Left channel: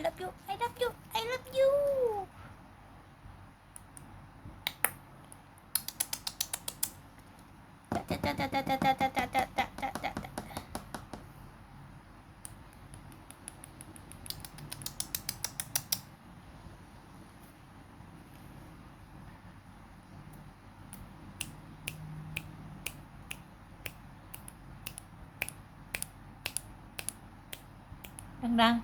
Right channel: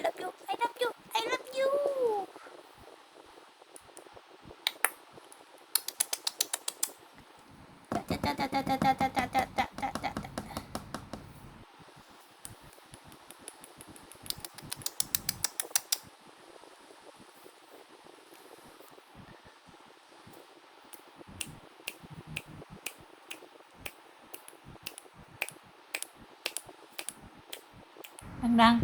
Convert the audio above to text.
I love you, I love you, I love you. Đăng đăng